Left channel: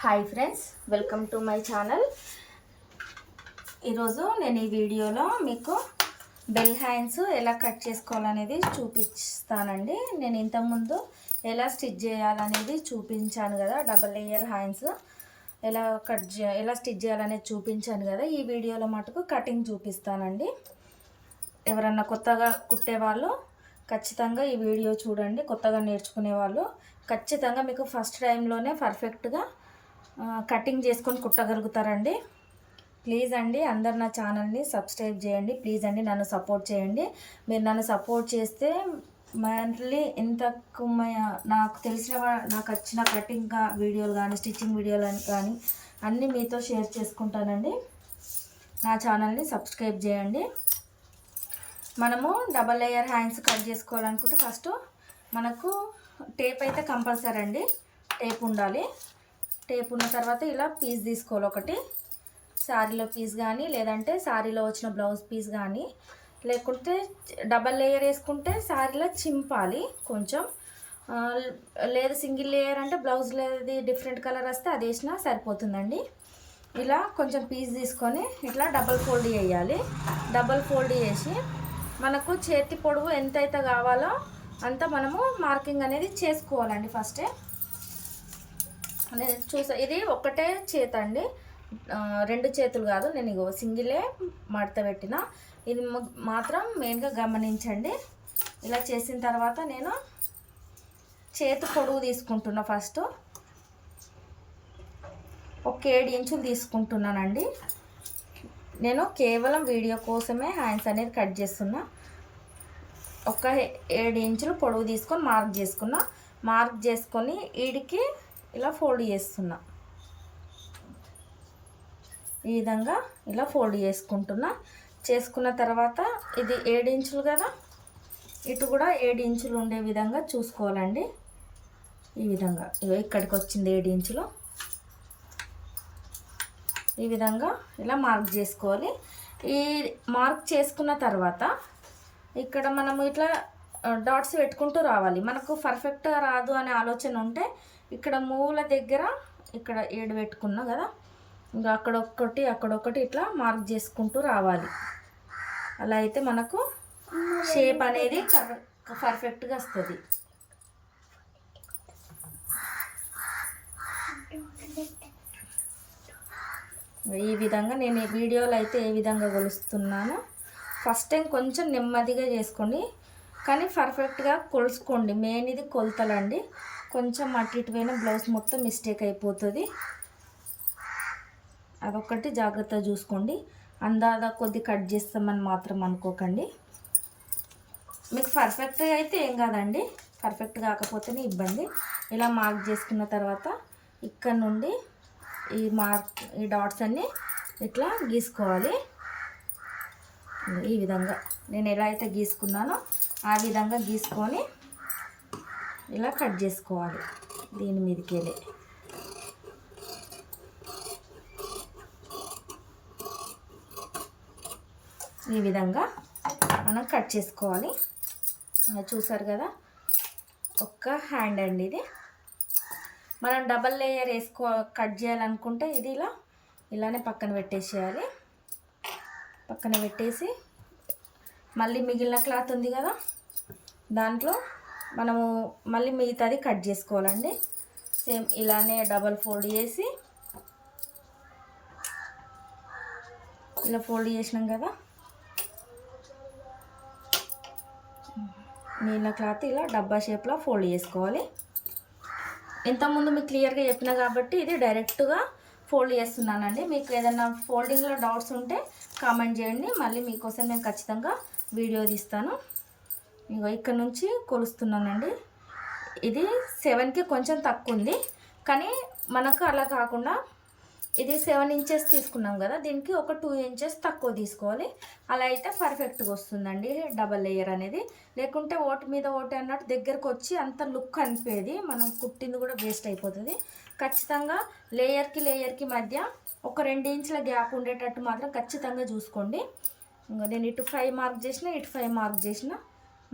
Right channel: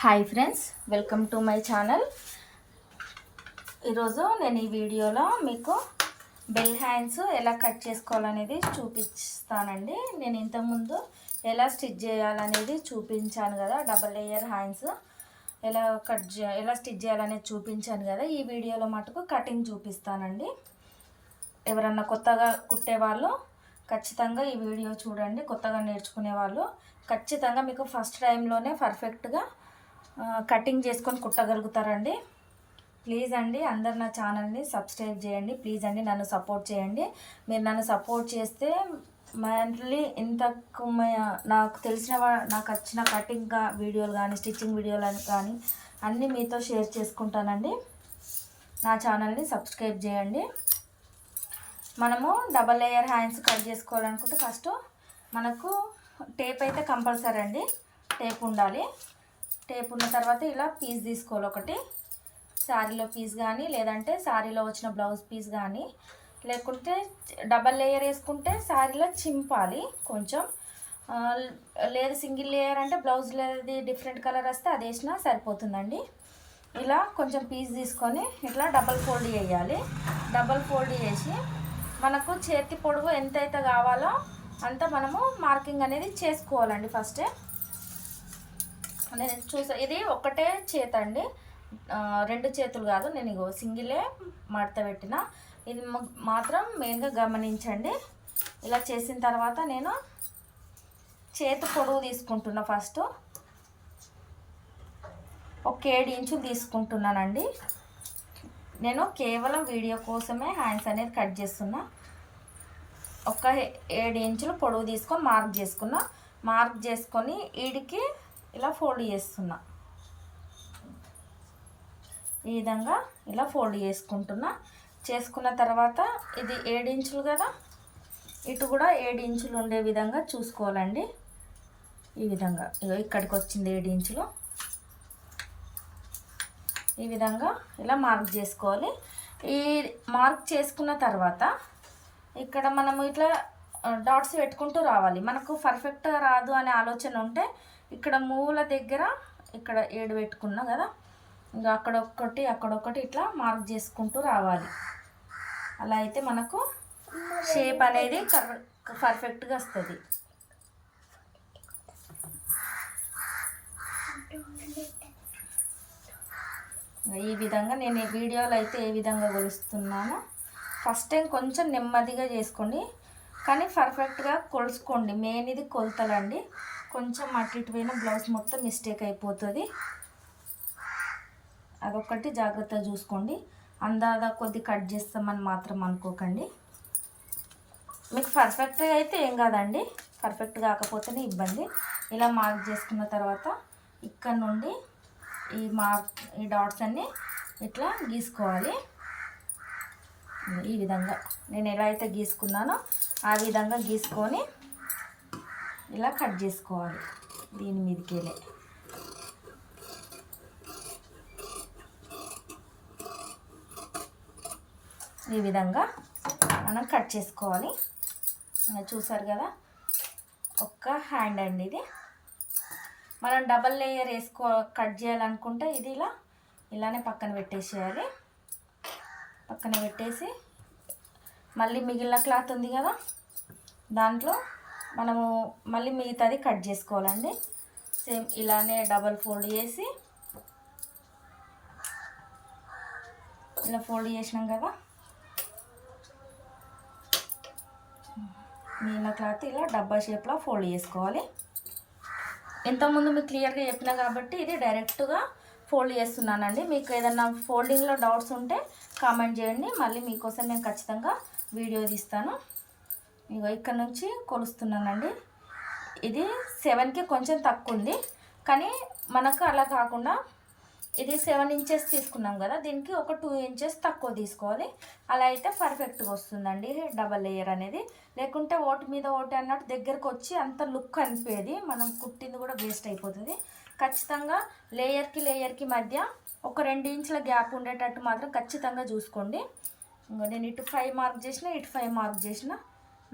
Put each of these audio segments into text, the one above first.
Hi friends welcome to my channel. ఈరోజు నేను ఈ వీడియోలో మీకు బెల్ హ్యాండ్స్ ఎలా కట్ చేసుకోవాలనేది చూపిస్తానండి. నేను ఇంతకుముందు ఎలా స్టిచ్ చేయాలనేది చూపించాను కదా డబల్ లేయర్ హ్యాండ్స్. ఎలా కట్ చే ఎలా స్టిచ్ చేయాలనేది చూపించాను కదా ఈ వీడియోలో మటుకు కటింగ్ చూపిస్తానండి. ఎవరన్నా కొత్తగా కుట్టేవాళ్ళు ఖచ్చితంగా ఈ వీడియో చూడండి కొత్తగా నేర్చుకునే వాళ్ళు. ఖచ్చితంగా మీకు ఫస్ట్ టైంలోనే పర్ఫెక్ట్గా కటింగ్ చేసుకొని కుట్టగలుగుతారండి. ప్లీజ్ అండి అందరు నా ఛానల్ని సబ్స్క్రైబ్ చేయండి. ప్లీజ్ అండి నన్ను సపోర్ట్ చేయండి. మీరు నన్ను సపోర్ట్ చేస్తే మళ్ళీ ఇంతకు నాకు తెలిసిన నాకు వచ్చిన కటింగ్ వీడియోలు కానీ స్టిచ్చింగ్ వీడియోలు కానీ అన్నీ మీతో షేర్ చేసుకుంటానండి. నా ఛానల్ని సబ్స్క్రైబ్ చేయండి. మనము డబల్ లేయర్ హ్యాండ్స్ కట్ చేసుకోవాలనుకుంటే ఫస్ట్ మనకు టేప్ అయితే కంపల్సరీ అండి. టేప్ ఉండాలి. టేప్ ఉన్న తర్వాత ఇలా పీస్ తీసుకోవాలి ఒకటి. శారీలో పీస్ కానీ లేదంటే శారీలో వచ్చిన బ్లౌజ్ పీస్ కానీ. లేకుంటే డబల్ లేయర్ వేసుకుంటే శారీలో చింపాలి కొంచెం. లేదు సింగిల్ లేయర్ అంటే బ్లౌజ్లోది డిఫరెంట్ కలర్ వస్తే అది వేసినా సరిపోతుందండి. ఇలా కొంచెం పీస్ తీసుకొని ఇట్లా డబల్ ఫోల్డ్ చేయాలి. డబల్ ఫోల్డ్ చేసి మనకు చేతి పొడవు ఎంతైతే కావాలో అంత మనము మార్కింగ్ అనేది చేసుకోవాలండి ఫస్టే. నేను చూసా ఇది ఒకటే చేత అండి. రెండు చేతులు కాదు నేను ఇగో సింగిలే మడత పెట్టిన. ఇది మాత్రం మెయిన్గా గమనించండి. ఇలా చేసిన తర్వాత నేను చేతి పొడవు తీసుకుంటున్నా ఫస్ట్. ఒక ఏడు ఇంచులు తీసుకుంటున్నానండి. నేను కేవలం వీడియో కోసమే హ్యాండ్స్ అనేది కట్ చేస్తున్నా. ఒక ఏడు ఇంచులు పొడవు తీసుకొని మార్క్ చేసుకున్నా. మార్క్ చేసుకొని వీడికి ఇలా ఫోల్డ్ చేస్తున్నా. ఈ విధంగా ఇలా ఫోల్డ్ చేసుకుంటున్నా. చేసుకున్న తర్వాత ఇది ఏడు ఇంచులు కదా? ఇటు కూడా ఏడు ఇంచులు ఉండే విధంగా చూసుకోవాలండి. ఈ విధంగా. ఇక్కడికి వచ్చింది ఏడు ఇంచులు. ఈ విధంగా ఇలా మార్క్ చేసుకోవాలి. ఈ మార్క్ చేసుకున్న తర్వాత ఇక్కడ మనము ఇట్లా డాట్స్ పెట్టుకుంటూ రావాలి. మనకు పర్ఫెక్ట్గా రాదు అనే ఆలోచన ఉంటే ఇక్కడ మూల దగ్గర ఇక్కడ ఏడు పెట్టుకున్నా కదా ఇంకా అక్కడొక్కటి అక్కడొక్కటి ఇట్లా మార్క్ చేసుకుంటూ రావాలి. అలా అయితే మనకు షేప్ అనేది కర్ పర్ఫెక్ట్గా వస్తుంది. ఈ విధంగా నేను ఈ వీడియోలో అయితే ఏ విధంగా కొలుస్తున్నానో. ఫస్ట్ టైం కొంచెం నెమ్మదిగా చేసుకోండి కానీ పర్ఫెక్ట్గా కొలుసుకోండి. మెయిన్ ఇది కొలతలండి. కొంచెం అటు ఇటు పోయిన బ్లౌజ్ మొత్తం మిస్టేక్ అయిపోతుంది. అదొక్కటి జాగ్రత్తగా చూసుకోండి. అందాదా కొద్ది కట్ చేస్తామని మాత్రం అనుకోకండి. మీకు పర్ఫెక్ట్గా అయితే ఏం కాదండి. పర్ఫెక్ట్ కాకపోతేనే ఇబ్బంది. ఇలా మార్క్ చేసుకున్న తర్వాత ఇక్కడ నుండి ఈ మార్క్ ఈ డాట్స్ అన్నీ ఇట్లా గీసుకోవాలి. ఈ విధంగా. నేను ఎలా అయితే గీసుకున్నానో ఆ విధంగా గీసుకొని ఇలా కట్ చేసుకోవాలి దీని మీదకి వెళ్ళి ఈ విధంగా మనం కట్ చేసుకోవాలి. చూసారు కదా ఒక్క హ్యాండ్ అండి ఇది. మనం డబల్ లేయర్ వేసుకో కట్ చేయాలనుకుంటే ఇది ఇలా ఇలానే పక్కన పెట్టేసేయాలి. పక్కన పెట్టేసి మళ్ళీ మిగిలిన క్లాత్ ఉంది కదా దాంట్లో మనము మళ్ళీ మిగతాది కట్ చేసుకోవాలండి. సేమ్ ఇలానే డబల్ ఫోల్డ్ చేసి ఇలా ఫోల్డ్ చేసినాం కదా. మిగిలిన క్లాత్ ఇలా డబ్బా షేప్లో ఫోల్డ్ చేసుకోవాలి. ఇంతకుముందు మీకు క్లియర్గా చెప్పిన కాబట్టి ఇది డైరెక్ట్గా ఫోల్డ్ చేస్తున్నానండి. మీకు ఏదైనా ఫోల్డింగ్లో డౌట్స్ ఉంటే కామెంట్ చేయండి. మళ్ళీ మీకోసం నేను ఖచ్చితంగా వీడియో తీస్తాను. ఇగో ఇక్కడ నుంచి కొలుస్తున్నానండి. ఇది సెవెన్కి కొంచెం తక్కువ ఉంది కానీ మనకు అలా కాకుండా ఇది సెవెన్ ఇంచెస్ తీసుకున్నాం కదా దీనికి ఒక టూ ఇంచెస్ తక్కువ తీసుకోవాలి. అలా అయితే పర్ఫెక్ట్గా వస్తుందండి డబల్ లేయర్ అనేది. లేకుంటే ఓటు మీద ఓటు అన్నట్టు దగ్గరకు వచ్చి అంత లుక్ అనిపేది. మనం కుట్టింది కూడా వేస్ట్ అయిపోతుంది. ఖచ్చితంగా లేయర్కి లేయర్కి మధ్య ఒక రెండు ఇంచుల గ్యాప్ ఉండేటట్టు మాత్రం ఖచ్చితంగా చూసుకోండి. నేను ఇటు ఫైవ్ మార్క్ చేసిన ఇటు ఫైవ్ మార్క్ చేసిన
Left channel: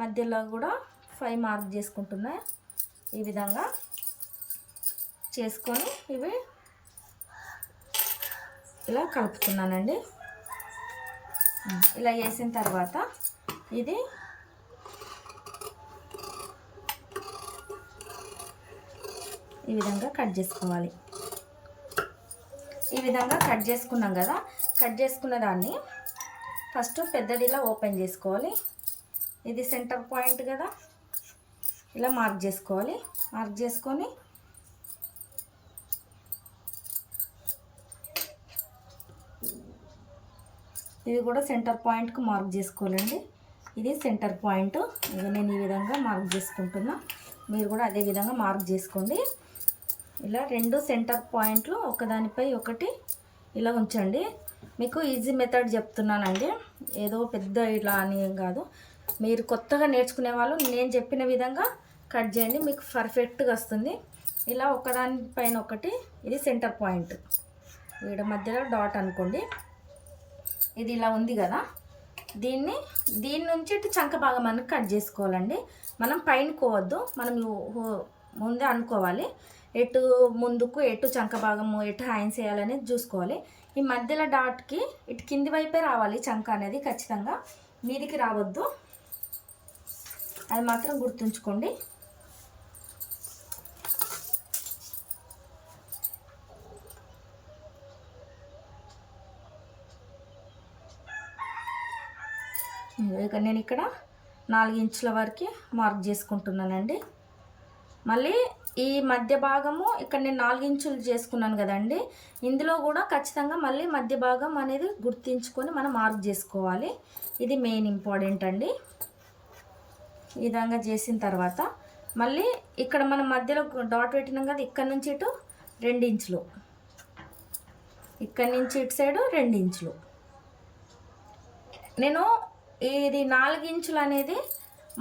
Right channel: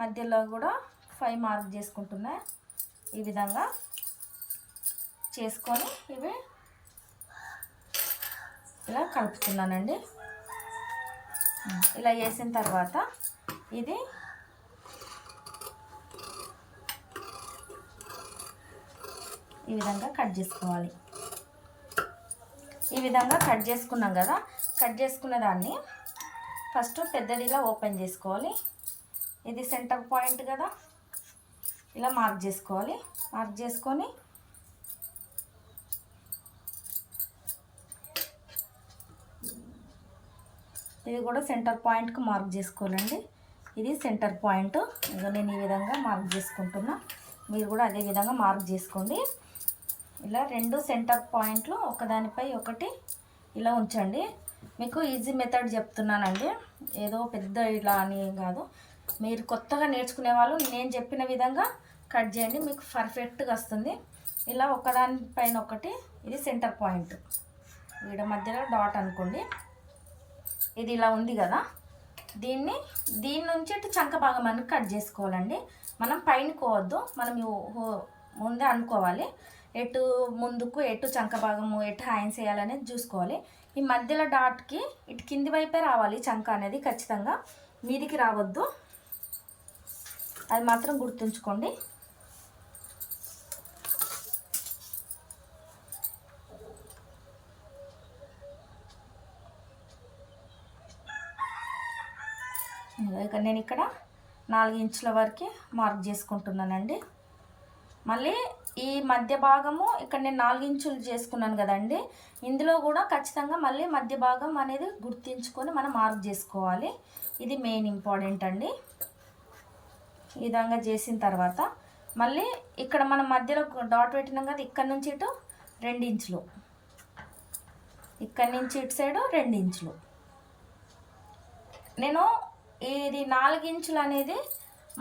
మధ్యలో కూడా ఫైవ్ మార్క్ చేసుకుంటున్నా. ఈ విధంగా చేసుకొని ఇవి ఇలా కలుపుతున్నానండి. ఇలా చేసిన తర్వాత ఇది ఈ విధంగా కట్ చేసుకోవాలి. ఈ విధంగా కట్ చేసుకున్నాం కదా కట్ చేసుకున్న దాన్ని ఫస్ట్ పెద్దదిలా ఓపెన్ చేసుకోవాలి. ఇది సెంటర్ పాయింట్ కదా ఇలా మార్క్ చేసుకోవాలి. మార్క్ చేసుకొని ఇది కూడా సెంటర్ పాయింట్కి మార్క్ చేసుకోవాలండి. ఇది సెంటర్ పాయింట్. ఇక నేను ఈ విధంగా మార్క్ చేసుకుంటున్నా. మీరు కూడా అదే విధంగా మార్క్ చేసుకోండి. ఇలా రెండు సెంటర్ పాయింట్లు ఒకదానిపై ఒకటి ఇలా ఉంచండి. మీకు ఈజీ మెథడ్ చెప్తున్నానండి. ఏదో పెద్ద ఇలా అని ఏం కాదు. మీరు కొత్తగా నేర్చుకునే వాళ్ళు నేను చెప్పిన విధంగా కట్ చేయండి. మీకు పర్ఫెక్ట్గా వస్తుంది. ఇలా ఒకదానిపైన ఒకటి ఇది సెంటర్ పాయింట్. వీడ మధ్యలో డాట్ అనుకోండి. ఇది ఇలా ఉంది కదా. దీన్ని దీని నుంచి ఇటు చంక భాగం అని కట్ చేసుకోవాలండి. మనం పైన కోవద్దు. మనం ముందే అనుకోవాలి. ఎటు ముందుకు ఎటు చంక భాగము ఎటు హ్యాండ్స్ చేయాలనేది చూసుకోవాలి. ఈ మధ్యలో డాట్కి ఇటు కింది వైపే రావాలి చంక అనేది ఖచ్చితంగా. మీదికి రావద్దు. అది మాత్రం గుర్తుంచుకోండి. ఇక నేను ఇక్కడ నాలుగు ఇంచుల వరకు మార్క్ చేసుకుంటున్నానండి. మళ్ళీ ఈ మధ్య భాగము ఇక్కడ నేను నాలుగించులు చేసుకున్నాను కదండి. ఇందులో కూడా ఖచ్చితంగా మళ్ళీ మధ్య భాగం అనేది గుర్తించుకొని మనం మార్క్ చేసుకోవాలి. ఇది మెయిన్ ఇంపార్టెంట్ అండి. ఈ విధంగా చేసిన తర్వాత మళ్ళీ ఇక్కడ మనం మధ్యలో డాట్ పెట్టినాం కదా ఇక్కడ నుంచి ఇటు రెండు ఇంచులు ఇక్కడ నుంచి ఇటు సైడు రెండు ఇంచులు నేను ఇది నాలుగు ఇంచులు అనేది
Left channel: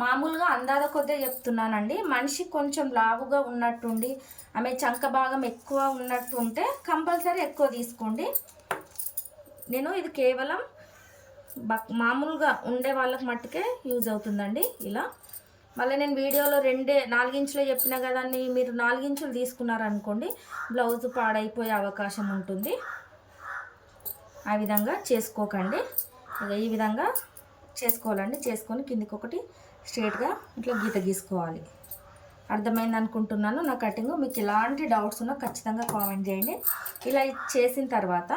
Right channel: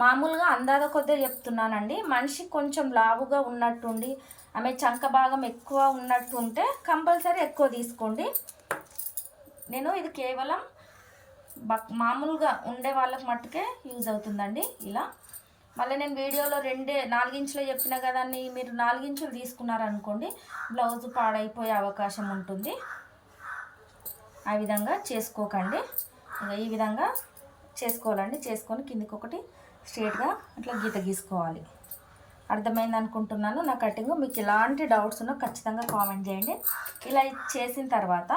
మామూలుగా అందాల కొద్దిగా చెప్తున్నానండి. మనిషి కొంచెం లావుగా ఉన్నట్టుండి ఆమె చంక భాగం ఎక్కువ ఉన్నట్టు ఉంటే కంపల్సరీ ఎక్కువ తీసుకోండి. నేను ఇది కేవలం బక్ మామూలుగా ఉండే వాళ్ళకి మట్టుకే యూజ్ అవుతుందండి ఇలా. మళ్ళీ నేను వీడియోలో రెండే నాలుగించులో చెప్పిన కదా మీరు నాలుగించులు తీసుకున్నారనుకోండి బ్లౌజ్ పాడైపోయే అవకాశం ఉంటుంది. ఆ విధంగా చేసుకోకండి. ఈ విధంగా చేసుకోవాలండి. చేసుకొని కిందికి ఒకటి స్ట్రేట్గా ఇట్లా గీత గీసుకోవాలి. అర్థమైంది అనుకుంటున్నాను నా కటింగ్. మీకు ఎలాంటి డౌట్స్ ఉన్నా ఖచ్చితంగా కామెంట్ చేయండి. ఇలా చేసిన తర్వాత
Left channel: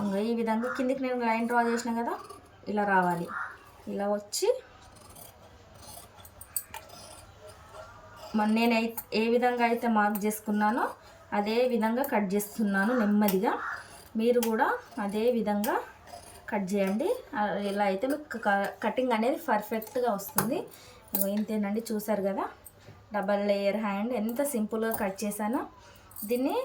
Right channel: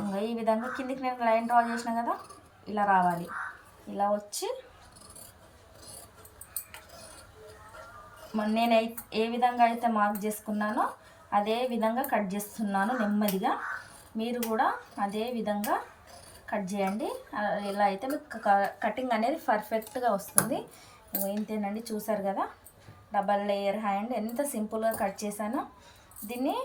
ఇంకా ఈ విధంగా కిందికి నేను లైన్ డ్రా చేసిన కదా ఇలా రావాలి. ఇలా వచ్చి మన నేను ఏ విధంగా అయితే మార్క్ చేసుకున్నానో అదే విధంగా కట్ చేస్తున్నాను నెమ్మదిగా. మీరు కూడా అదే విధంగా కట్ చేయండి. ఇలా అయితే మీకు క- కటింగ్ అనేది పర్ఫెక్ట్గా వస్తుంది. ఇంతేనండి చూసారు కదా? డబల్ లేయర్ హ్యాండ్ ఎంత సింపుల్గా కట్ చేశానో. దీన్ని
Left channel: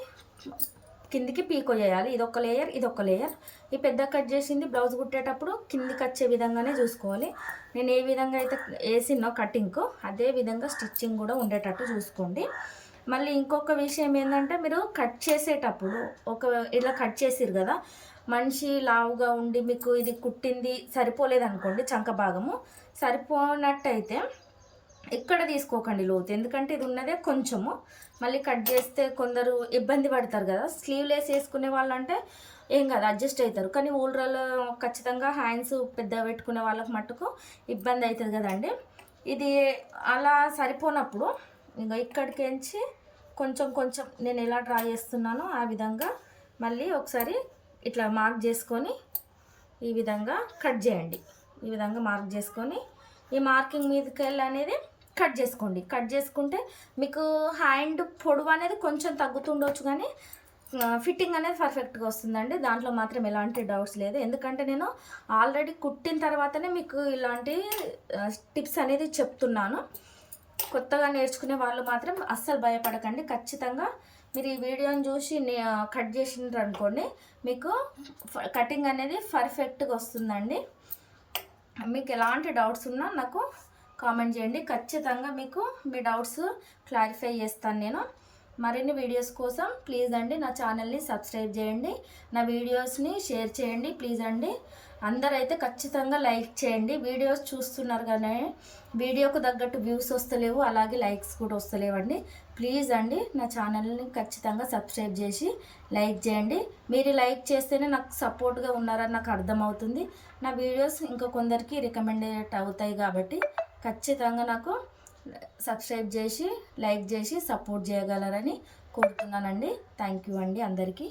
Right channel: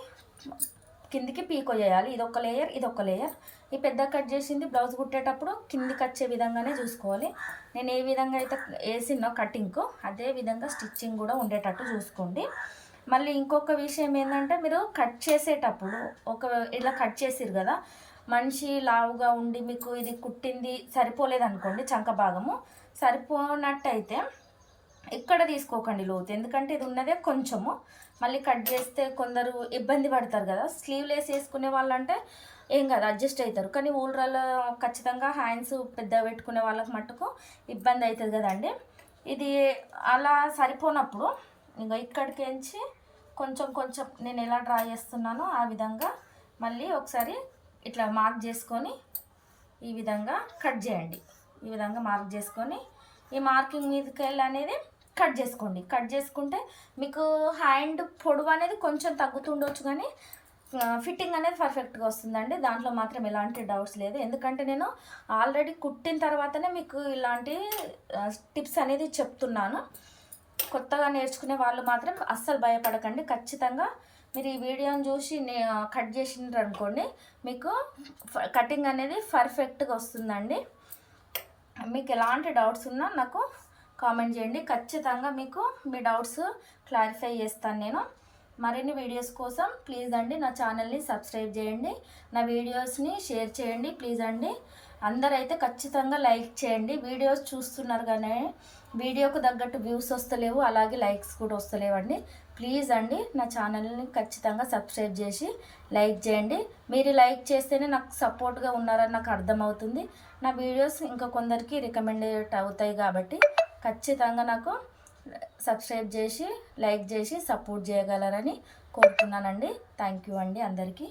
కిందికి పీకో చేయాలి ఇదొక లేయర్ ఇదొక లేయర్ ఈ పెద్ద కట్ చేసింది బ్లౌజ్ కుట్టేటప్పుడు కిందికి వచ్చే విధంగానే చూసుకోవాలి. నేను ఏ విధంగా అయితే వేసినో కటింగ్కు అదే విధంగా స్టిచ్చింగ్ కూడా ఉండేటట్టు చూసుకోండి. మళ్ళీ ఇంకొక విషయం ఏంటంటే మీరు కట్ చేసేటప్పుడు ఒక ఇలా కట్ చేసిరు కదా మనిషి లావుగా ఉండి మీకు ఇది కుట్టింది సరిపోలేదు అనుకోండి చంక భాగము. సరిపోనట్టయితే ఇక్కడ తీసుకోకండి లోతు. ఎందుకంటే ఇది ఉన్నదే కొంచెము. మళ్ళీ కట్ చేస్తే కొందరు ఇబ్బంది పడతారు కదా. స్లీవ్లెస్ వేసుకునే వాళ్ళు అంటే ఏం కాదు అడ్జస్ట్ అవుతారు కానీ ఊళ్ళలో ఖచ్చితంగా హ్యాండ్స్ పెద్ద పెట్టుకునే వాళ్ళకి మట్టుకు ఇబ్బంది అవుతుంది కదండి. ఇది అలా సరిపోనప్పుడు ఇంకా ఇక్కడికించి కొంచెం కొంచెం నేను ఎలా డ్రా చేస్తున్నానో ఆ విధంగా మళ్ళీ ఒకసారి ఇట్లా మార్క్ చేసుకొని ఈ విధంగా కట్ చేయండి. ఈ విధంగా మార్క్ చేసుకొని ఈ మార్కింగ్ మీదకి వెళ్ళి అనేది కట్ చేసుకోండి. కట్ చేసుకుంటే మీకు హ్యాండ్ పొడవు అనేది కొంచెం తగ్గుతుండొచ్చు కానీ ఫిట్టింగ్ అనేది పర్ఫెక్ట్గా వస్తుందండి. దాంట్లో మాత్రం ఎలాంటి డౌట్స్ లేదు. ఎందుకంటే నేను ఆల్రెడీ కుట్టిన తర్వాతనే మీకు ఇలాంటి టిప్స్ అనేది చెప్తున్నాను. కొత్తగా నేర్చుకునే వాళ్ళు మాత్రం అస్సలు భయపడకండి. ఖచ్చితంగా మీరు ఈ వీడియోని చూసి కట్ చేసినారు అనుకోండి మీకు కటింగ్ అనేది పర్ఫెక్ట్గా వస్తుందండి. మీకు ఎలాంటి డౌట్స్ ఉన్నా నాకు కామెంట్ చేయండి. ఖచ్చితంగా మీకు మీ డౌట్స్ క్లారిఫై చేస్తాను నేను. మరిన్ని వీడియోస్ కోసం ప్లీజ్ అండి నా ఛానల్ని సబ్స్క్రైబ్ చేయండి. నా వీడియోస్ని షేర్ చేయండి ప్లీజ్ అండి. అందరైతే ఖచ్చితంగా లైక్ చేయండి. వీడియోస్ చూస్తున్నారు కానీ వీడియోకు తగ్గట్టు వ్యూస్ వస్తలేవు అలాగే లైక్స్ కూడా వస్తలేవండి. ప్లీజ్ అండి నా ఛానల్ని ఖచ్చితంగా సబ్స్క్రైబ్ చేసి లైక్ చేయండి. మీరు లైక్ చేస్తేనే నాకు సపోర్ట్గా ఉన్నారని నాకు అర్థమవుతుంది. నా వీడియోస్ ఇంకా కొందరికి రికమెండేట్ అవుతాయి కాబట్టి ఖచ్చితంగా నాకు సబ్స్క్రైబ్ చేసి లైక్ చేసి సపోర్ట్ చేయగలరని కోరుతున్నానండి. థ్యాంక్ యూ అండి అందరికీ.